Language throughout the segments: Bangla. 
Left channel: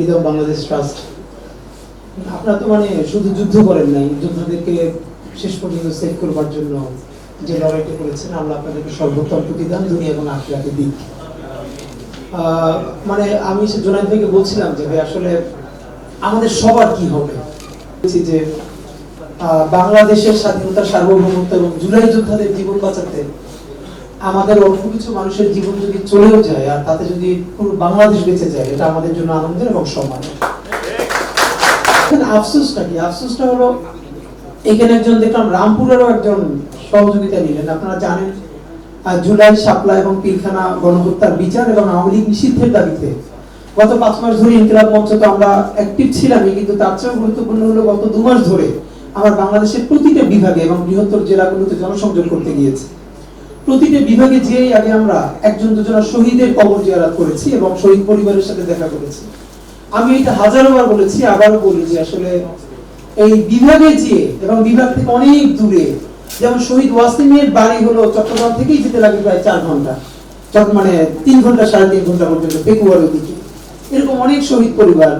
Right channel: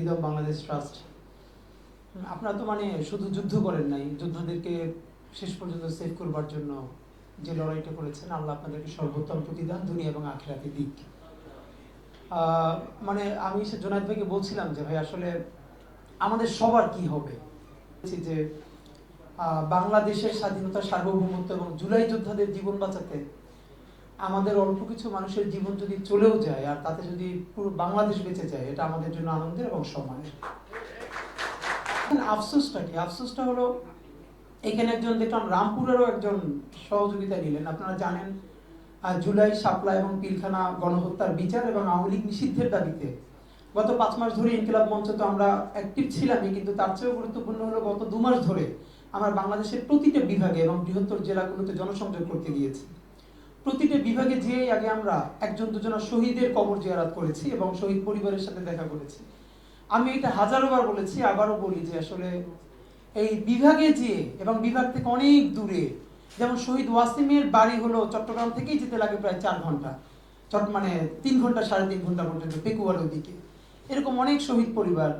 Freedom Bangladesh trust. আপনারা তো মানে শুধু যুদ্ধ করেন নাই শেষ পর্যন্ত সেভ করবার জন্য যে লড়াইটা করেছেন আমরা আপনাদেরকে সর্বোত্তম প্রতিদান এবং আহ, মানে আমি সে জোনায়দ ভাইকে বলছিলাম যে আসলে আমাদের সবার কি হবে? যে বাংলাদেশের স্বাধীনতা সার্বভৌমত্ব এবং জুলাই যোদ্ধাদের জীবন বাঁচাতে আমাদের অল্প কিছু মানুষের জীবন যদি চলেও যায় আর তাতে যদি পুরো বাংলাদেশ বেঁচে যায়, এটা আমাদের জন্য আনন্দের এবং সম্মানের। আফসোসটা কি? আফসোসটা হলো, এখানে একজন দেখলাম রামপুরেরও একজন সহযোগিতা নিলেন। আপনারা জানেন জুলাই শাপলা এবং পিলখানা গণহত্যার বিচার এবং আওয়ামী লীগ নিষিদ্ধের দাবিতে গত পাঁচ মাস ধরে ইনকিলাব মঞ্চ তো আমরা অ্যাক্টিভ ছিলামই, কিন্তু তার চেয়েও গুরুত্বপূর্ণ হলো গত দু মাস ধরে আমার বাংলাদেশের প্রতিটা বিভাগে এবং বৃহত্তর জেলাগুলোতে জনসংযোগ করতে গিয়েছি। প্রতিটা বিভাগে যেই আগে আমরা একজন দুজনের শহীদের কবর জিয়ারাত করেছি এবং শহীদ পরিবারের সাথে দেখা করেছি। আমি এটা হাজারো বার বলেছি, আবারও বলি যে আসলে এই বিভাগে যেয়ে এবং বিভাগ থেকে অনেক দূরে যেমন শহীদ ওয়াসিমের বাড়ি হলো চট্টগ্রাম থেকেই যেতে লাগে প্রায় চার ঘণ্টা। মানে তিন ঘণ্টা, সাড়ে তিন ঘণ্টা পর্যন্ত পেকুয়ার ওদিকে এরকম অনেক শহীদ পরিবার।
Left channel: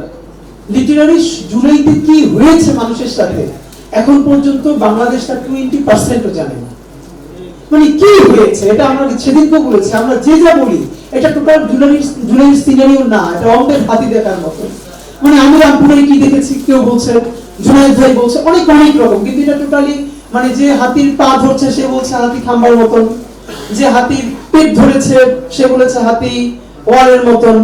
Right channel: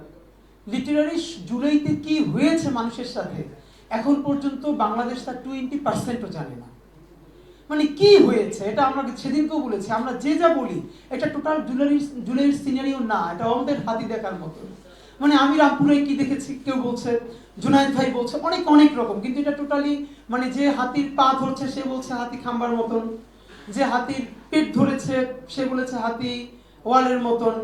লিটারারি জুলাইতে কি হয়েছে মানুষের সাথে? এখন পর্যন্ত বাংলাদেশ তার টোয়েন্টি পার্সেন্টও জানে না। মানে কি হয়েছে? এটা আমরা সেদিনকে বলেছি, আমরা যে যা বলি, এটা টোটাল জুলাই সিনারিও না, এটা অঙ্কের হাতি দেখার মতো। মানে আমি রামপুরে কি দেখেছি, কেউ বলছে জুনাইদ ভাই বলছে, অনেক অনেক রকম, কিন্তু এটা টোটালি মানে যে হাতির পা ধরছে, সে বলছে হাতি খাম্বার মতন, যে হাতির পেট ধরেছে, সে বলেছে হাতি ওয়ালের মতন।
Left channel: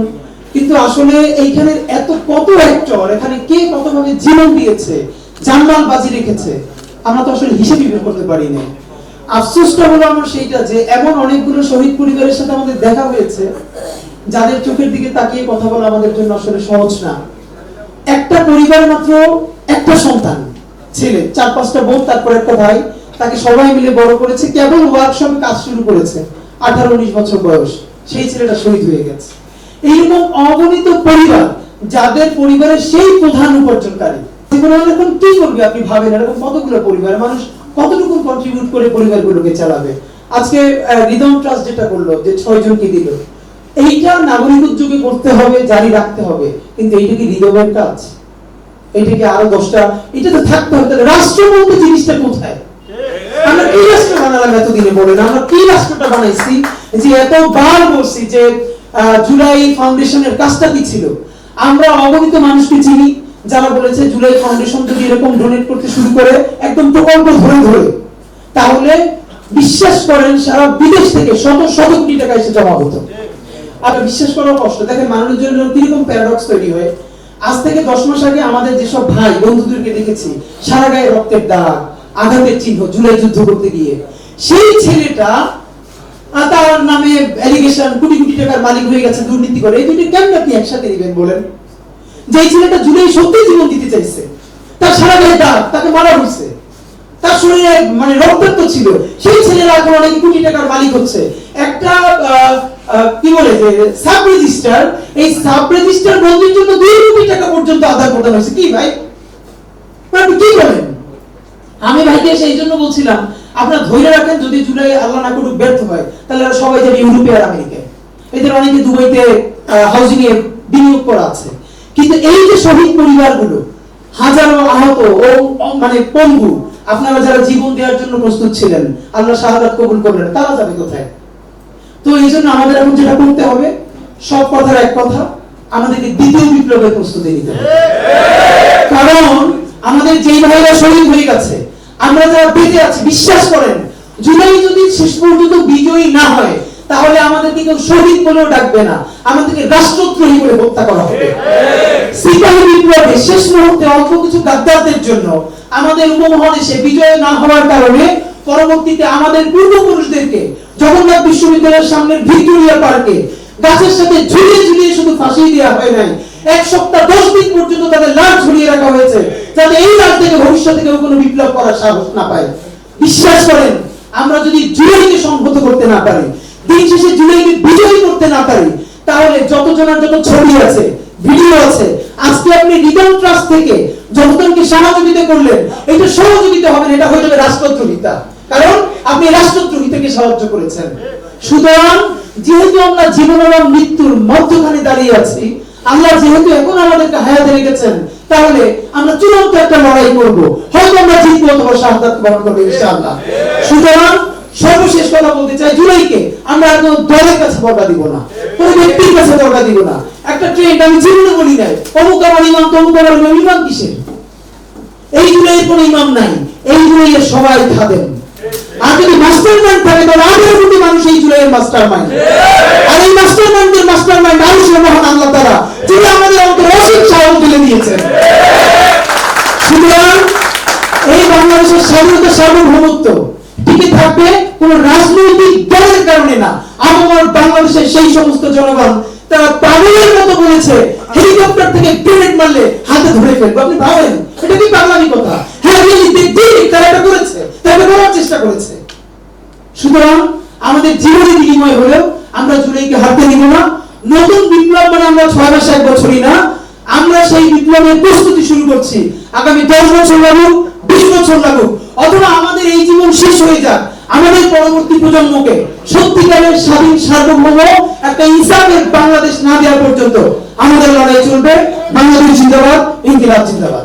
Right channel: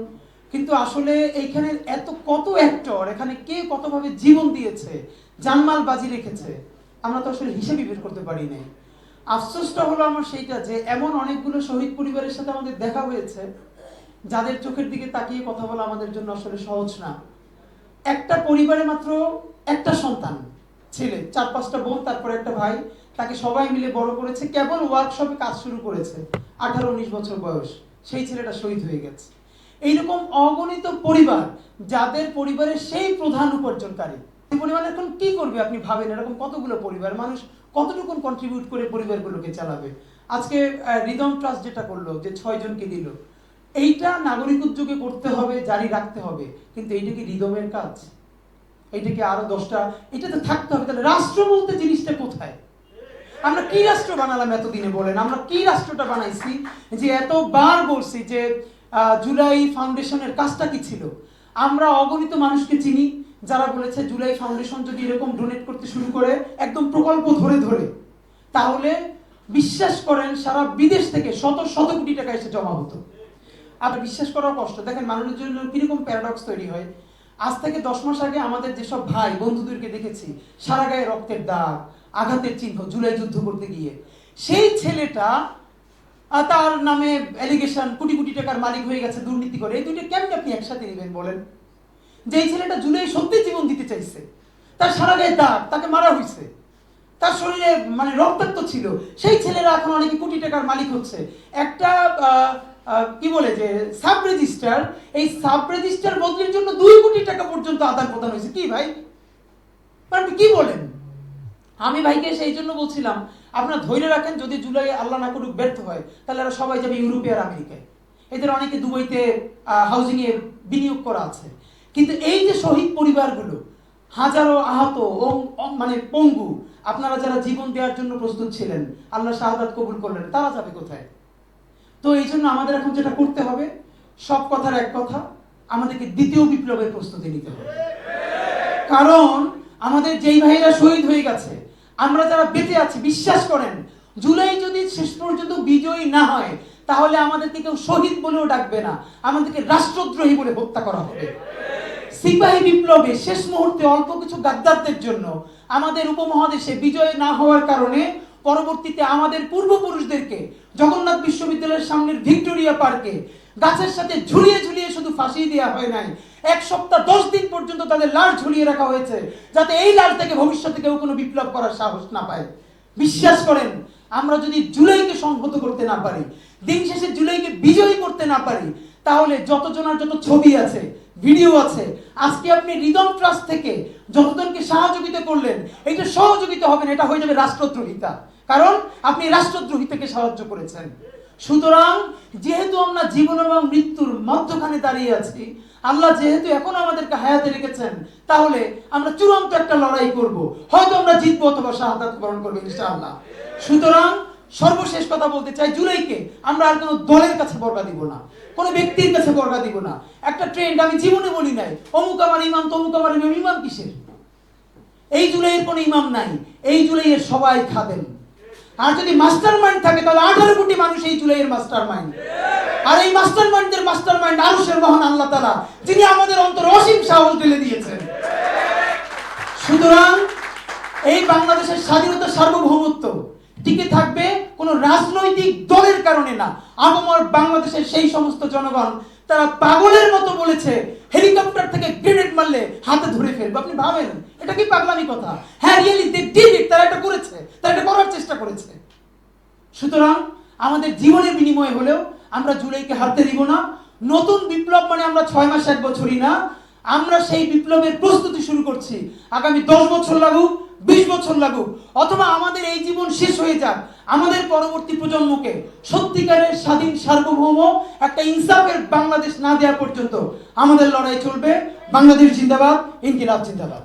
কিন্তু আসলে এইখানে এত কত অ্যাক্টর এখানে কে কতভাবে জীবন দিয়েছে, জানমাল বাজি রেখেছে, আমরা তো আসলে হিসেবে বের করতে পারি না আফসোসটা হলো আমার সেইটা যে এমন অনেকগুলো শহীদ পরিবারের সাথে আমাদের দেখা হয়েছে, যাদের চোখের দিকে তাকিয়ে কথা বলা আমাদের জন্য আসলে সহজ না। একটা পরিবার মাত্র একটা সন্তান, ছেলে, চার পাঁচটা বোন, তারপর একটা ভাই, তাকে সবাই মিলে বড় করেছে, কেবল ওয়ার্কশপে কাজ শুরু করেছে, আঠারো উনিশ বছর বয়স, সেই ছেলেটা শহীদ হয়ে গেছে। এইরকম অগণিত পরিবার, যাদের পরিবারের সেই প্রধান উপার্জনকারী। জীবনে এরকম কি করবে আপনি ভাবেন? এরকম কতগুলো পরিবার? মানুষ কতটুকু কন্ট্রিবিউট করে পরিবারগুলোকে চালাবে? আজকে রিদম ট্রাস্ট যেটা করল, যে ছয় জনকে দিল, এইটা নাগরিক উদ্যোগে করতে হবে, জারি রাখতে হবে। কিন্তু এইটা কি রিদমের কাজ? এটা কি আরও দশটা? এটা তো থাকতে হবে। রাষ্ট্র বলতে জিনিসটা কোথায়? আমরা কি রাষ্ট্র বানালাম এতদিনে আমরা কি রাষ্ট্রটা বানাইছি? যে এতবার বলছি যে জুলাই ফাউন্ডেশনের কাজটা কি ছিল? আমরা অগণিত মানুষকে চিনি, যারা বলেছে জুলাই ফাউন্ডেশন যদি এরকম ডোনেট করতে শুরু করে একদম প্রকল্প ধরে ধরে। তাহলে বিশ্বাস করেন, সারা বিদেশ থেকে শত শত কোটি টাকা এসে জমা হতো। আর বিশ্বাস করার কষ্ট। দেখেন, মানুষের জন্য কীরকম প্যারাডক্স তৈরি হয়। আজ থেকে দশ মাস আগে আমাদের যেসব ভাই বন্ধুদেরকে দেখেছি, সারা গায়ে রক্তের দাগ, আঘাতের চিহ্ন, জুলাই যুদ্ধ করতে গিয়ে। সেই ছেলেটা তার নামে অ্যালিগেশন কোটি কোটি টাকার মালিক হয়ে গেছে, দুর্নীতি করে। এই দুটি কেমন আপনি একসাথে নেবেন বলেন? যে ছেলেটা জুলাই সত্যি জীবন দিতে চাইছে, তার সারা গায়ে দাগ, তাকে মারা হয়েছে। তার শরীরে মানে রক্তাক্ত ছিল। সেই কোটি টাকার মালিক হচ্ছে। একটা কি বলে যে, সাব রেজিস্টার, এই সাব রেজিস্টার জন্য দুই কোটি টাকা পর্যন্ত আদায় করতে হয়েছে। কি ভাই? আপনি কি বলেন? আমি ভাইকে সেই জন্য বলছিলাম, আপনারা ধৈর্য রাখেন, যদি জুলাই আল্লাহ না করুক, ব্যর্থ হয়, তাহলে সবাই যাবে ইউরোপে আর আমেরিকায়। এদের অনেকে দুবাইতে হাউজিং এ বিনিয়োগ করা আছে। কিন্তু এই যে শহীদ পরিবারগুলো, হাজারো আহত ও মানে পঙ্গু আপনারা যারা জীবন দেওয়ার জন্য প্রস্তুত ছিলেন, আল্লাহ শাহাদাত কবুল করলেন, তারা যাবে কোথায়? তো এই জন্য আমাদের এখন যেটা করতে হবে, সব কথার এক কথা, আমাদেরকে দ্বিতীয় বিপ্লবের প্রস্তুতি নিতে হবে। কারণ আমাদের যেই ভাইরা শহীদ হয়ে গেছে, আমরা যারা বেঁচে আছি, বিশ্বাস করেন, জুলাই যদি শেষ পর্যন্ত বিজয়ী না হয়, তাহলে আমাদেরকে কেউ শহীদ বলেও ডাকবে না, আমাদেরকে রাষ্ট্রদ্রোহী বলে হত্যা করা হবে। সিপাহী বিপ্লবে শেষ মুহূর্তে অল্প কিছু জন্য আমাদের উপমহাদেশে বিজয় না হওয়ার কারণে পরবর্তীতে আমাদের পূর্বপুরুষদেরকে জগন্নাথ বিশ্ববিদ্যালয়ের সামনের ভিক্টোরিয়া পার্কে গাছের সাথে ঝুলিয়ে ঝুলিয়ে শুধু ফাঁসি দেওয়া হয় নাই। এক সপ্তাহ, দশ দিন পর্যন্ত তাদের লাশ ঝুলিয়ে রাখা হয়েছে যাতে এই লাশ থেকে ভবিষ্যতে কেউ কোনো বিপ্লব করার সাহস না পায়। বিশ্বাস করেন, আমরা যদি জুলাইকে সংহত করতে না পারি, দিন শেষে জুলাইকে বিজয়ী করতে না পারি, তাহলে যত জনের যত ছবি আছে, ভিডিও আছে আজকে আপনি রিদম ট্রাস্ট থেকে যতজনকে সহযোগিতা করলেন, এটা সহযোগিতা হবে এটা হয়ে যাবে রাষ্ট্রদ্রোহিতা কারণ আপনি রাষ্ট্রদ্রোহিতাকে সাহায্য করেছেন। সুতরাং যেহেতু আমরা জীবন এবং মৃত্যুর মধ্যখানে দাঁড়িয়ে আছি, আল্লাহ যেহেতু এখন আমাদেরকে হায়াতে রেখেছেন, তাহলে আমরা চূড়ান্ত একটা লড়াই করব। হয়তো আমরা জিতবো অথবা শাহাদাত বরণ করব, ইনশাআল্লাহ। সুতরাং সর্বশেষ কথা বলতে চাই, জুলাইকে আমরা কোনো দলের কাছে বর্গা দিব না, কোনো ব্যক্তির কাছে বর্গা দিব না। একটা ট্রেন্ড আমি জীবনে বলি নাই, অমুক আমার ইমাম, তমুক আমার ইমাম ইমাম কিসের? এই জুলাইয়ের কোনো ইমাম নাই, এই জুলাইয়ের সবাই খাদেন আর যদি মাস্টার মাইন্ড থাকে আঠারো কোটি মানুষ এই জুলাইয়ের মাস্টার মাইন্ড আর এই মাস্টার মাইন্ডের মাস্টার মাইন্ড মানুষের মহান আল্লাহ তারা যিনি আমাদের অন্তর অসীম সাহস তুলে দিয়েছেন। সুতরাং এই বাংলাদেশের স্বাধীনতা সার্বভৌমত্ব সমস্ত জনগণ তারা পাগলের মতো বলেছে হেলিকপ্টার থেকে গ্রেনেড মারলে হাতে ধরে ফেলবে। আপনি ভাবেন, এটা কি বাংলানি কথা? হ্যাঁ তারা এটা করেছে, তারা এটা করার চেষ্টা করেছে। সুতরাং আমাদের জীবনে বিনিময় হলেও আমরা জুলাইকে হারতে নিব না। নতুন বিপ্লব মানে আমরা ছয় মাস এক বছরই না। আমরা সেই বিপ্লবের প্রস্তুতি শুরু করছি। আগামী দশ বছর লাগুক, বিশ বছর লাগুক, অথবা আমাদের এই জীবন শেষ হয়ে যাক। আমাদের পরবর্তী প্রজন্মকে সত্যিকারের স্বাধীন সার্বভৌম একটা ইসলামের বাংলাদেশ না দেওয়া পর্যন্ত আমাদের লড়াই চলবে। বাংলাদেশ জিন্দাবাদ, ইনকিলাব জিন্দাবাদ।